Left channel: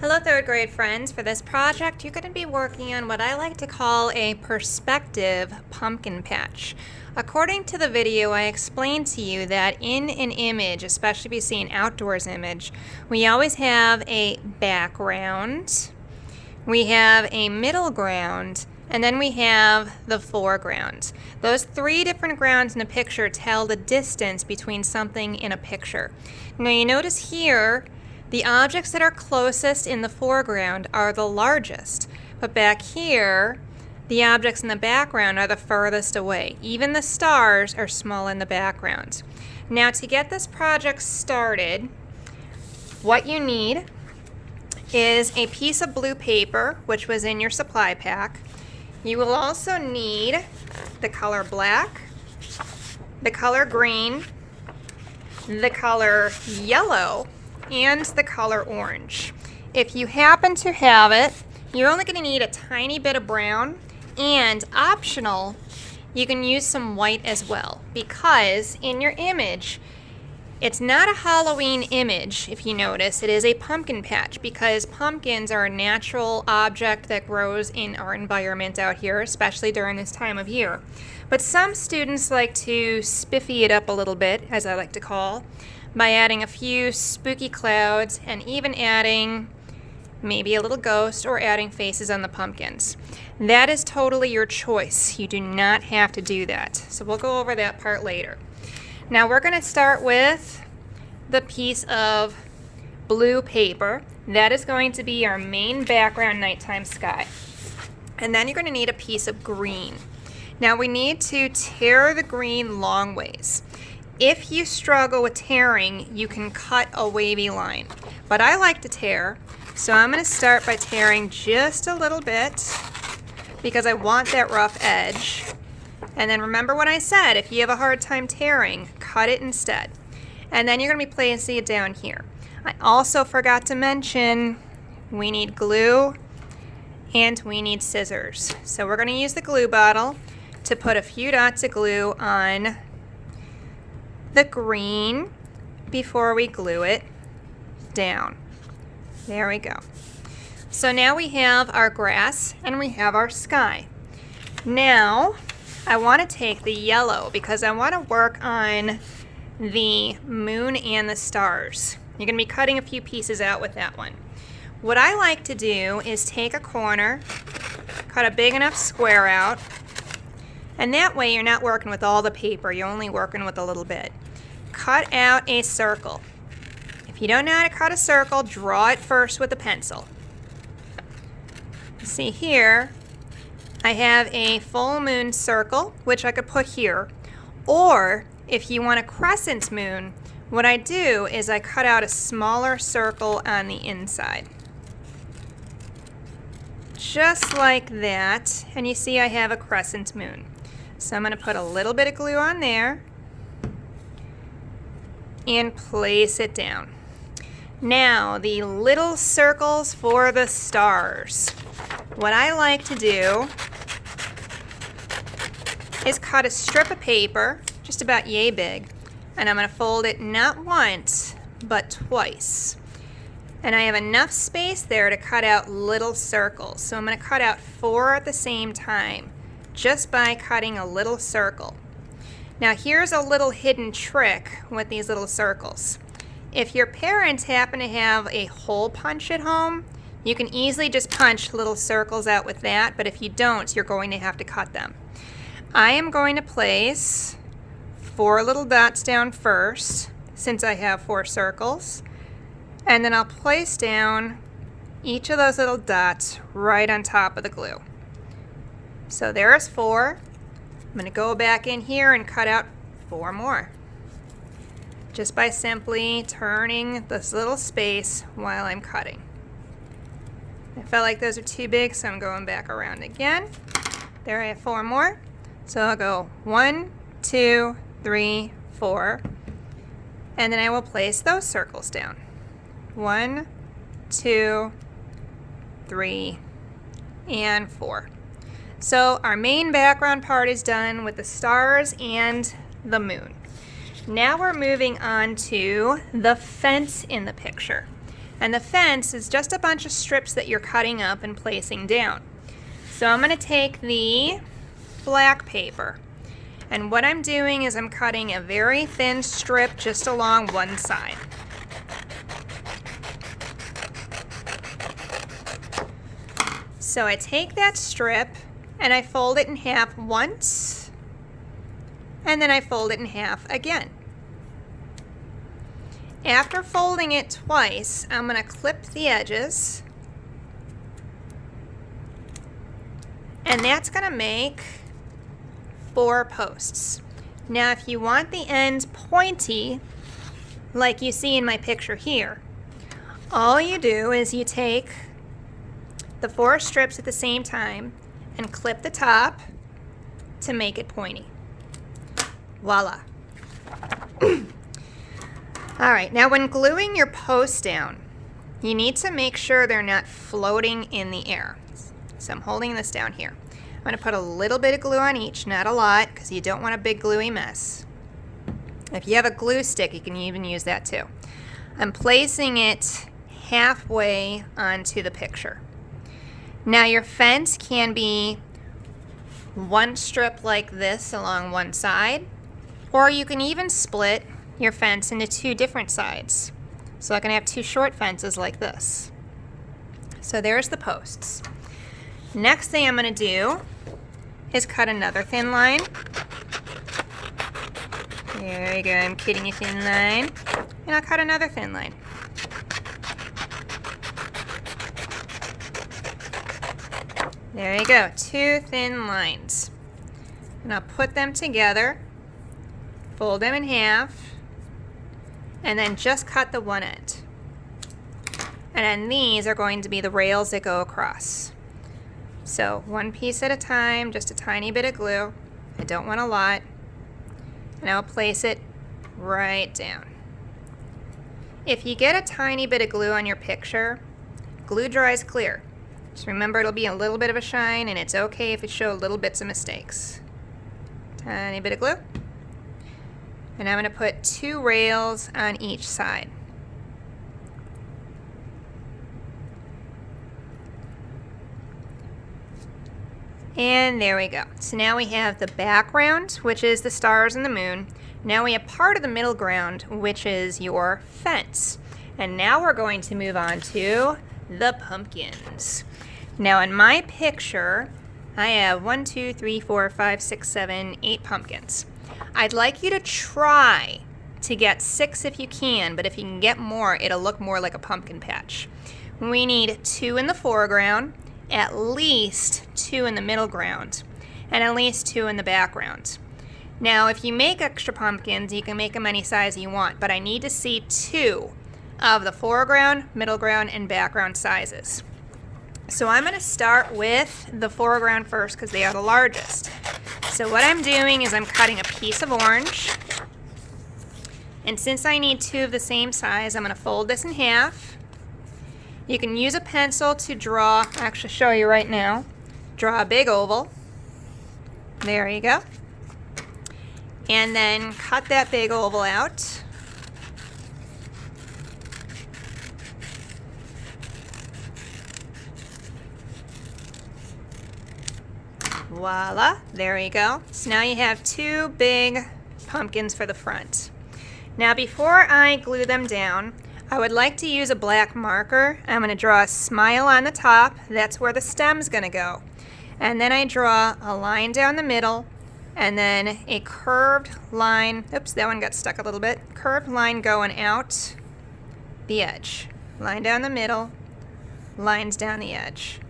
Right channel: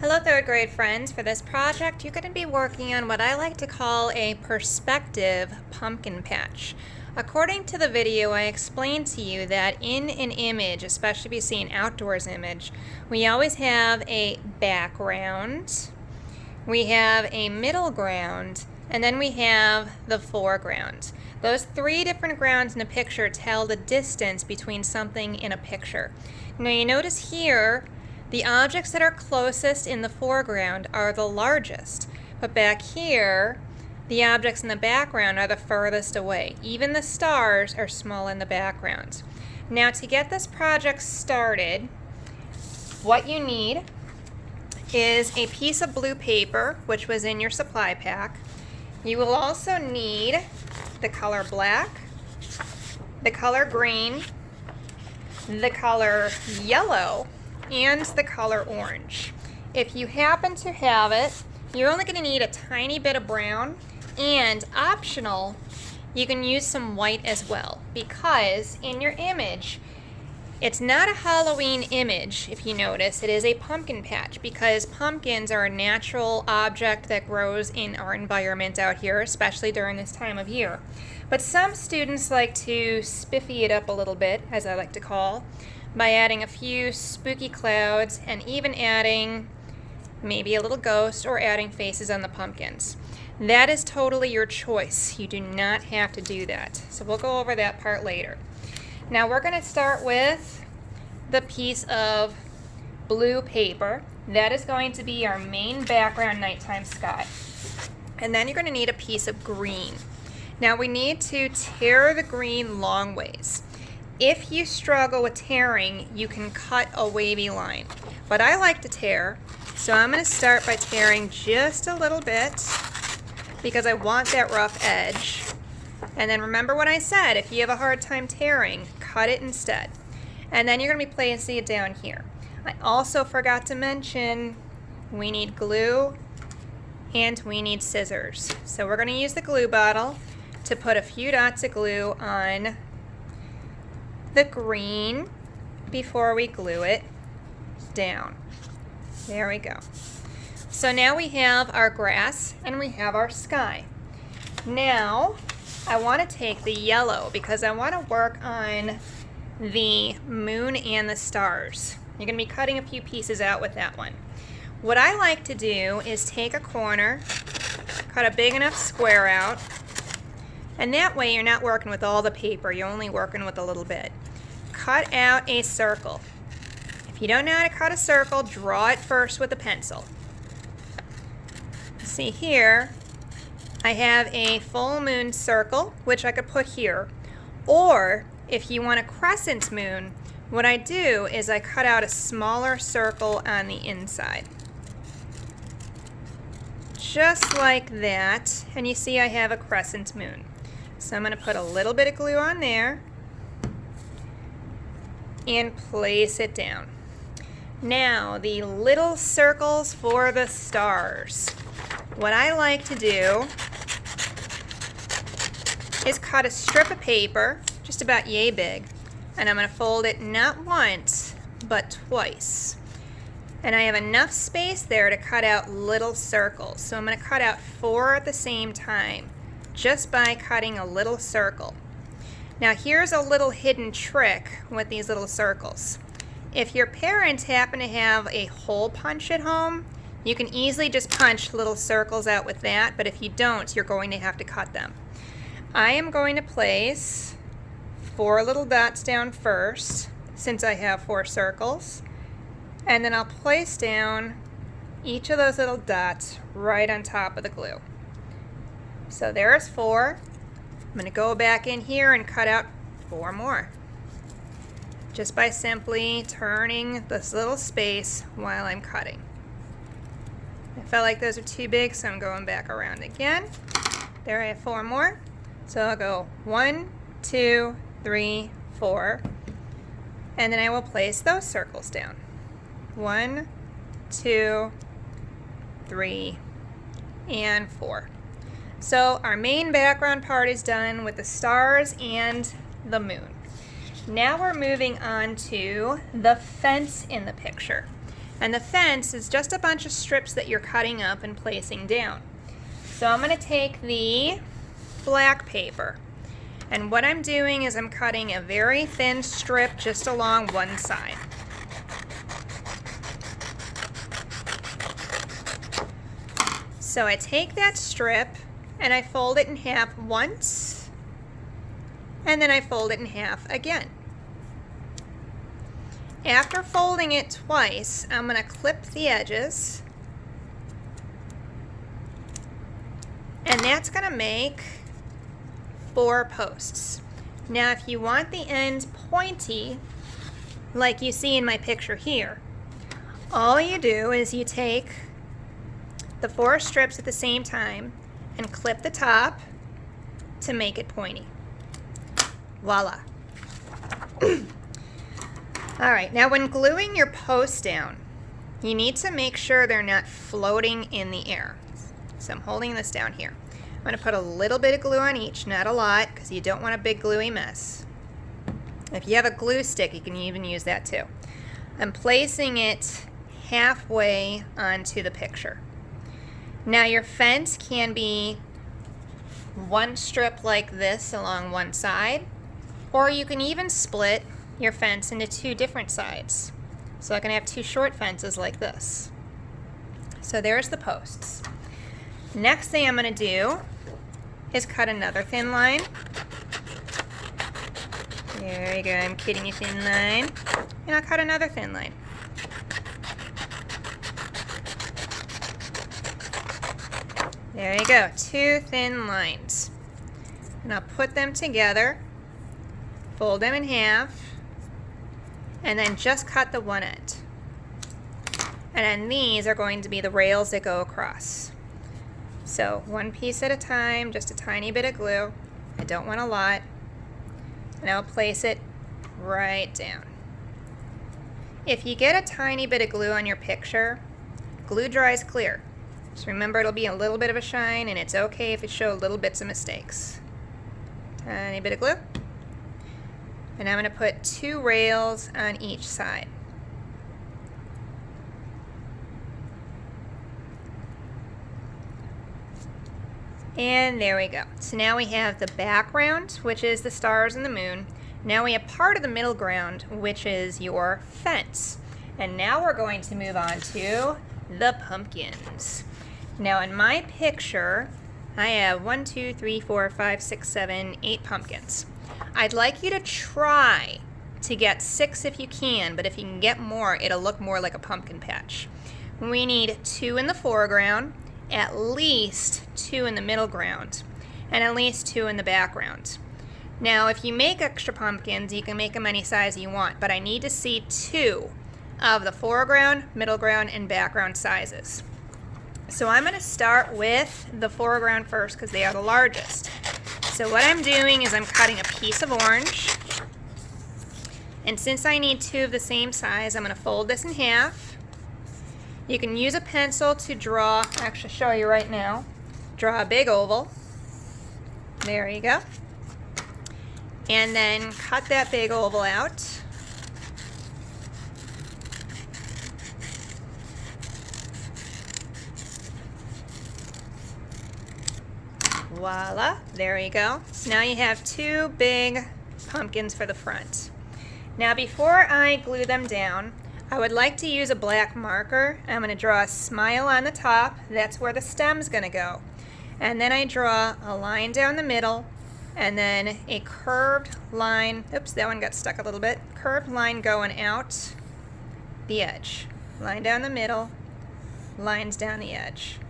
Hello third grade friends. For this project you're going to be working on what I like to call a perspective pumpkin patch. According to the video, I explained to you that in an image, especially if you see an outdoors image, we always have a background, we have a middle ground, and then we have the foreground. Those three different grounds in a picture tell the distance between something in a picture. Now you notice here the objects that are closest in the foreground are the largest, but back here, the objects in the background are the furthest away. Even the stars are small in the background. Now to get this project started, what you need is a piece of blue paper, which was in your supply pack. You will also need the color black, the color green, the color yellow, and the color orange. If you happen to have it, you're only going to need a tiny bit of brown, and optional, you can use some white as well, because in your image, it's not a Halloween image, if you notice. It is a pumpkin patch, because pumpkins are a natural object that grows in our environment out here, especially during this time of year. But some students like to spiffy it up a little bit, as I like to call, by adding a few spooky clouds and even adding maybe a little ghost or adding faces on the pumpkins. That is totally your choice. You do not have to do that. So we'll go over that part later. Now we're going to start with the piece of blue paper. That is going to be our main background nighttime sky. And then you're going to need a piece of green. Now we need to tear the green long ways. If you struggle with tearing, you can cut a wavy line. But I like to tear, so I'm going to start by tearing just a little bit because I want that rough edge. And then remember what I said, if you have a hard time tearing, cut it instead. And then you're going to be placing it down here. I also forgot to mention we need glue and we need scissors. So we're going to use the glue bottle to put a few dots of glue on the green before we glue it down. There we go. So now we have our grass and we have our sky. Now I want to take the yellow because I want to work on the moon and the stars. You're going to be cutting a few pieces out with that one. What I like to do is take a corner, cut a big enough square out, and that way you're not working with all the paper, you're only working with a little bit. Cut out a circle. If you don't know how to cut a circle, draw it first with a pencil. See here, I have a full moon circle, which I could put here. Or if you want a crescent moon, what I do is I cut out a smaller circle on the inside. Just like that, and you see I have a crescent moon. So I'm going to put a little bit of glue on there and place it down. Now, the little circles for the stars. What I like to do is cut a strip of paper, just about yay big, and I'm going to fold it not once, but twice. And I have enough space there to cut out little circles. So I'm going to cut out 4 at the same time, just by cutting a little circle. Now here's a little hidden trick with these little circles. If your parents happen to have a hole punch at home, you can easily just punch little circles out with that, but if you don't, you're going to have to cut them. I am going to place 4 little dots down first, since I have 4 circles, and then I'll place down each of those little dots right on top of the glue. So there's 4. I'm going to go back in here and cut out 4 more. Just by simply turning this little space while I'm cutting. I felt like those are too big, so I'm going back around again. There I have 4 more. So I'll go 1, 2, 3, 4. And then I will place those circles down. 1, 2, 3, and 4. So our main background part is done with the stars and the moon. Now we're moving on to the fence in the picture. And the fence is just a bunch of strips that you're cutting up and placing down. So I'm going to take the black paper, and what I'm doing is I'm cutting a very thin strip just along one side. So I take that strip and I fold it in half once, and then I fold it in half again. After folding it twice, I'm going to clip the edges, and that's going to make 4 posts. Now if you want the ends pointy, like you see in my picture here, all you do is you take the 4 strips at the same time and clip the top to make it pointy. Voila. All right, now when gluing your posts down, you need to make sure they're not floating in the air. So I'm holding this down here. I'm going to put a little bit of glue on each, not a lot, because you don't want a big gluey mess. If you have a glue stick, you can even use that too. I'm placing it halfway onto the picture. Now your fence can be 1 strip like this along one side, or you can even split your fence into 2 different sides. So I can have 2 short fences like this. So there's the posts. Next thing I'm going to do is cut another thin line. There you go, I'm cutting a thin line. And I'll cut another thin line. There you go, 2 thin lines. And I'll put them together, fold them in half, and then just cut the one end. And then these are going to be the rails that go across. So 1 piece at a time, just a tiny bit of glue. I don't want a lot. And I'll place it right down. If you get a tiny bit of glue on your picture, glue dries clear. Just remember it'll be a little bit of a shine, and it's okay if you show little bits of mistakes. Tiny bit of glue. And I'm going to put 2 rails on each side. And there we go. So now we have the background, which is the stars and the moon. Now we have part of the middle ground, which is your fence. And now we're going to move on to the pumpkins. Now in my picture, I have 1, 2, 3, 4, 5, 6, 7, 8 pumpkins. I'd like you to try to get 6 if you can, but if you can get more, it'll look more like a pumpkin patch. We need 2 in the foreground, at least 2 in the middle ground, and at least 2 in the background. Now if you make extra pumpkins, you can make them any size you want, but I need to see 2 of the foreground, middle ground, and background sizes. So I'm going to start with the foreground first because they are the largest. So what I'm doing is I'm cutting a piece of orange, and since I need 2 of the same size, I'm going to fold this in half. You can use a pencil to draw, I'll actually show you right now, draw a big oval. There you go. And then cut that big oval out. Voila, there you go. So now you have 2 big pumpkins for the front. Now before I glue them down, I would like to use a black marker. I'm going to draw a smile on the top. That's where the stem's going to go. And then I draw a line down the middle, and then a curved line. Oops, that one got stuck a little bit. Curved line going out the edge. Line down the middle, lines down the edge.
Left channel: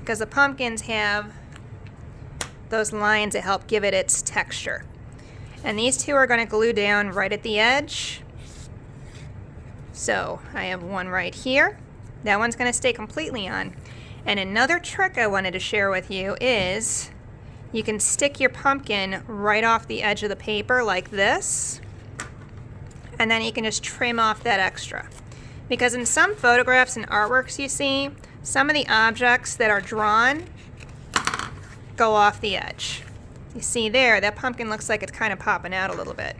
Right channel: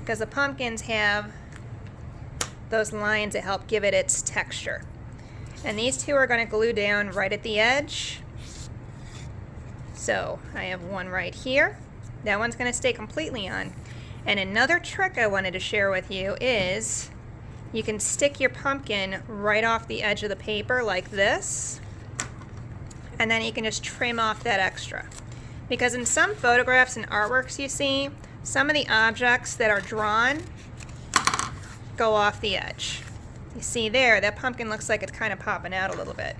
Because the pumpkins have those lines that help give it its texture. And these 2 are going to glue down right at the edge. So I have one right here. That one's going to stay completely on. And another trick I wanted to share with you is you can stick your pumpkin right off the edge of the paper like this, and then you can just trim off that extra. Because in some photographs and artworks you see, some of the objects that are drawn go off the edge. You see there, that pumpkin looks like it's kind of popping out a little bit.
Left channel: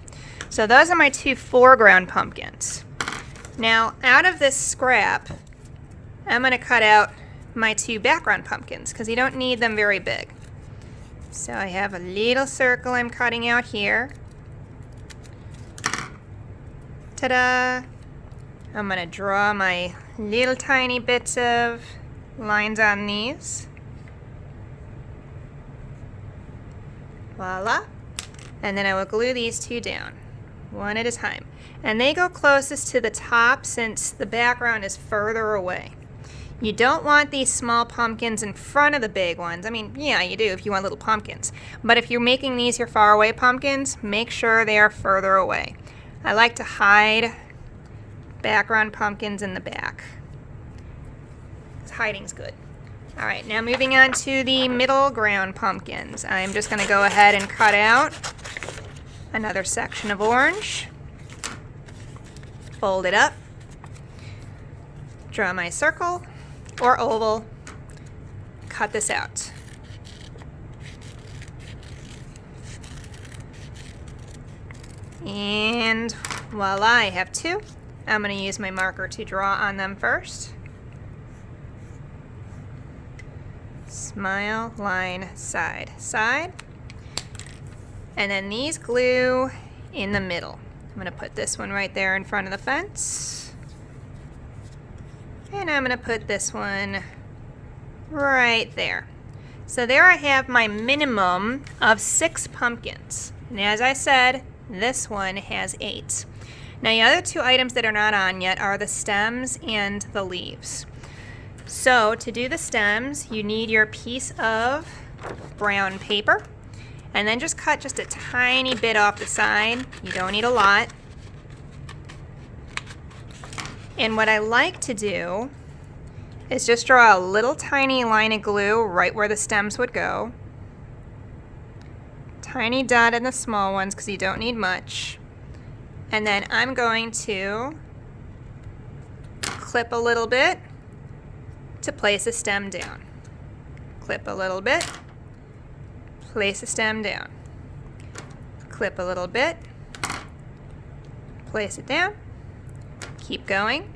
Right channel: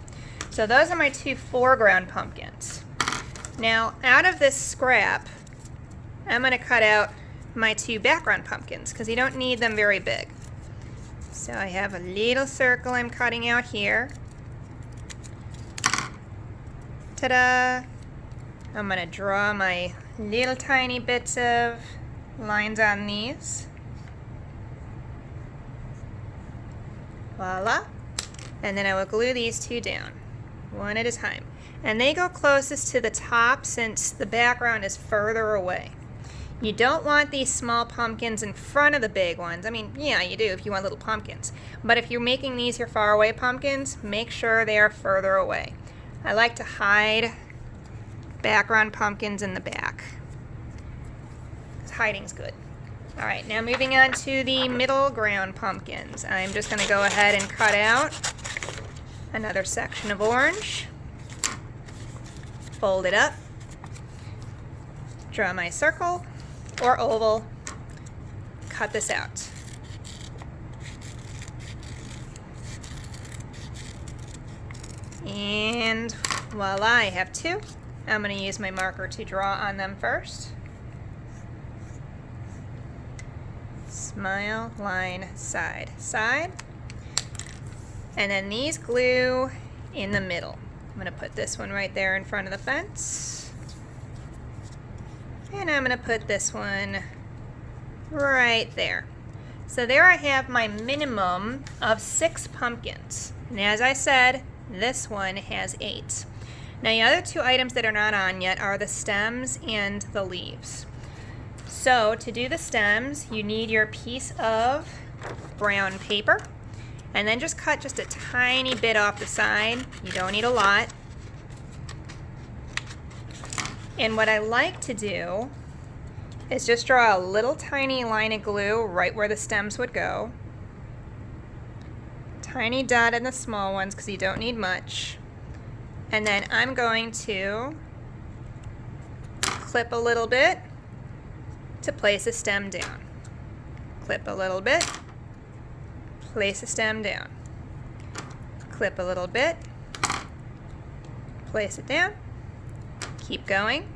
So those are my 2 foreground pumpkins. Now, out of this scrap, I'm going to cut out my 2 background pumpkins because you don't need them very big. So I have a little circle I'm cutting out here. Ta-da! I'm going to draw my little tiny bits of lines on these. Voila! And then I will glue these 2 down, one at a time. And they go closest to the top since the background is further away. You don't want these small pumpkins in front of the big ones. I mean, yeah, you do if you want little pumpkins. But if you're making these your far away pumpkins, make sure they are further away. I like to hide background pumpkins in the back. Hiding's good. All right, now moving on to the middle ground pumpkins. I'm just going to go ahead and cut out another section of orange. Fold it up. Draw my circle or oval. Cut this out. And voila, I have 2. I'm going to use my marker to draw on them first. Smile, line, side, side. And then these glue in the middle. I'm going to put this one right there in front of the fence. And I'm going to put this one right there. So there I have my minimum of 6 pumpkins. And as I said, this one has 8. Now the other 2 items that are not on yet are the stems and the leaves. So to do the stems, you need your piece of brown paper. And then just cut just a tiny bit off the side. You don't need a lot. And what I like to do is just draw a little tiny line of glue right where the stems would go. Tiny dot in the small ones because you don't need much. And then I'm going to clip a little bit to place a stem down. Clip a little bit. Place a stem down. Clip a little bit. Place it down. Keep going.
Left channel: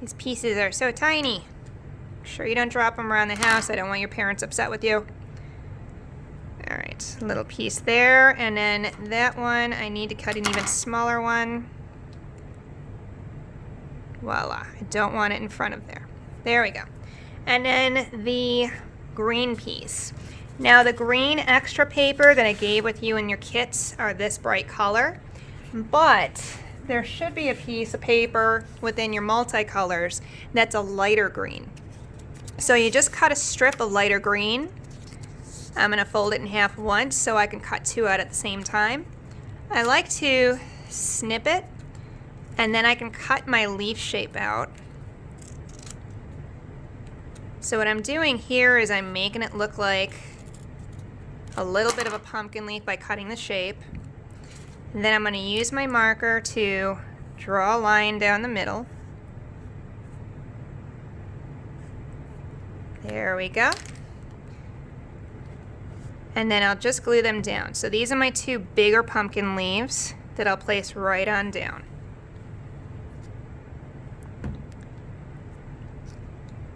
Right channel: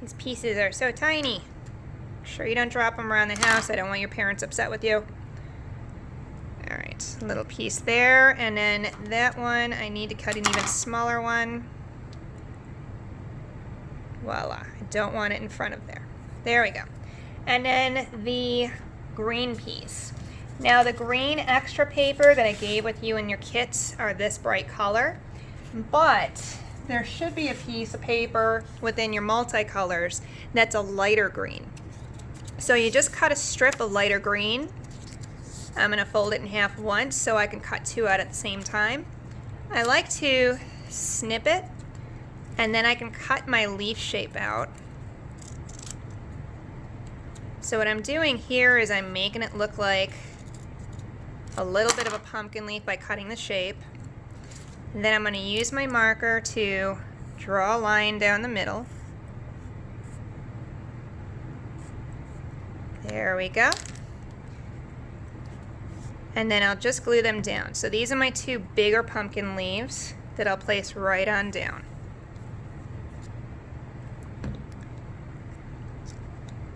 These pieces are so tiny. Make sure you don't drop them around the house. I don't want your parents upset with you. Alright, a little piece there, and then that one, I need to cut an even smaller one. Voila, I don't want it in front of there. There we go. And then the green piece. Now the green extra paper that I gave with you in your kits are this bright color, but there should be a piece of paper within your multicolors that's a lighter green. So you just cut a strip of lighter green. I'm going to fold it in half once so I can cut 2 out at the same time. I like to snip it, and then I can cut my leaf shape out. So what I'm doing here is I'm making it look like a little bit of a pumpkin leaf by cutting the shape. And then I'm going to use my marker to draw a line down the middle. There we go. And then I'll just glue them down. So these are my 2 bigger pumpkin leaves that I'll place right on down.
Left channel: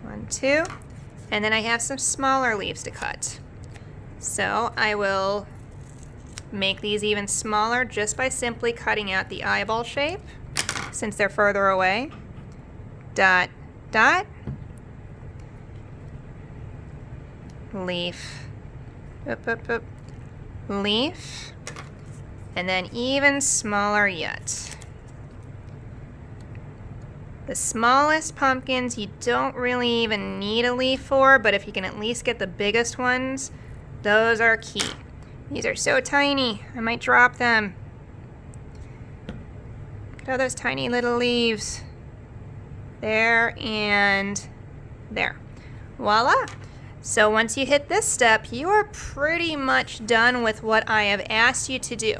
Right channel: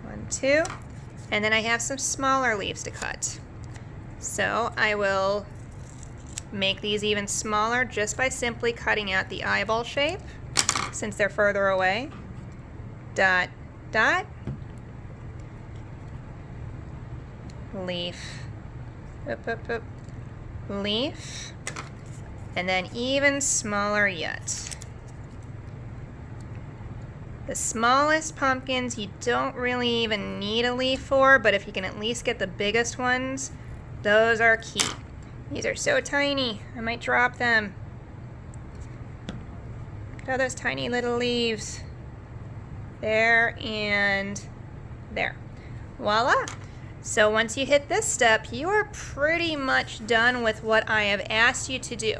1, 2, and then I have some smaller leaves to cut. So I will make these even smaller just by simply cutting out the eyeball shape since they're further away. Dot, dot, leaf, boop, boop, boop, leaf, and then even smaller yet. The smallest pumpkins you don't really even need a leaf for, but if you can at least get the biggest ones, those are key. These are so tiny, I might drop them. Look at all those tiny little leaves. There and there. Voila! So once you hit this step, you are pretty much done with what I have asked you to do.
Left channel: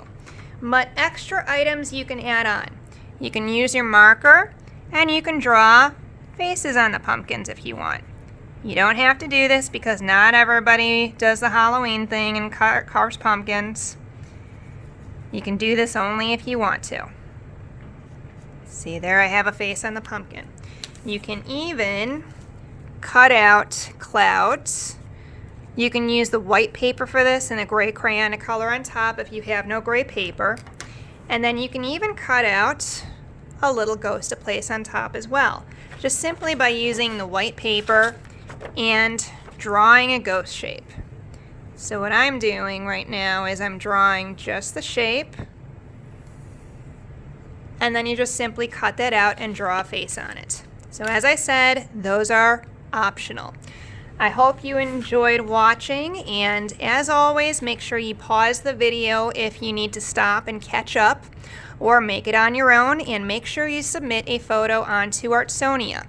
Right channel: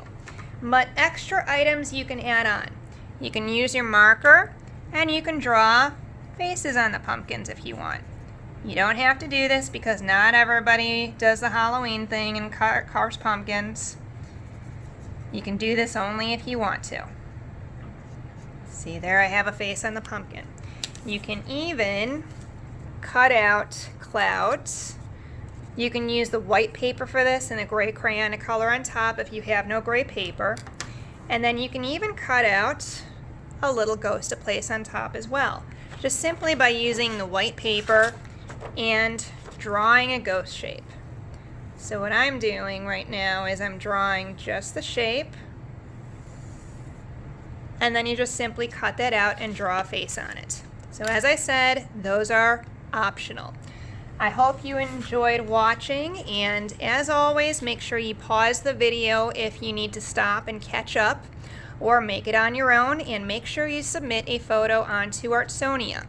But extra items you can add on. You can use your marker, and you can draw faces on the pumpkins if you want. You don't have to do this because not everybody does the Halloween thing and carves pumpkins. You can do this only if you want to. See, there I have a face on the pumpkin. You can even cut out clouds. You can use the white paper for this and a gray crayon to color on top if you have no gray paper. And then you can even cut out a little ghost to place on top as well, just simply by using the white paper and drawing a ghost shape. So what I'm doing right now is I'm drawing just the shape, and then you just simply cut that out and draw a face on it. So as I said, those are optional. I hope you enjoyed watching, and as always, make sure you pause the video if you need to stop and catch up, or make it on your own, and make sure you submit a photo onto Artsonia.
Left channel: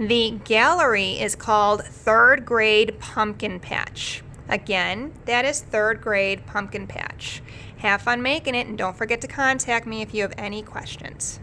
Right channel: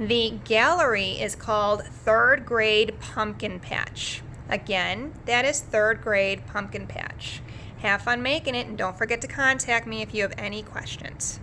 The gallery is called Third Grade Pumpkin Patch. Again, that is Third Grade Pumpkin Patch. Have fun making it, and don't forget to contact me if you have any questions.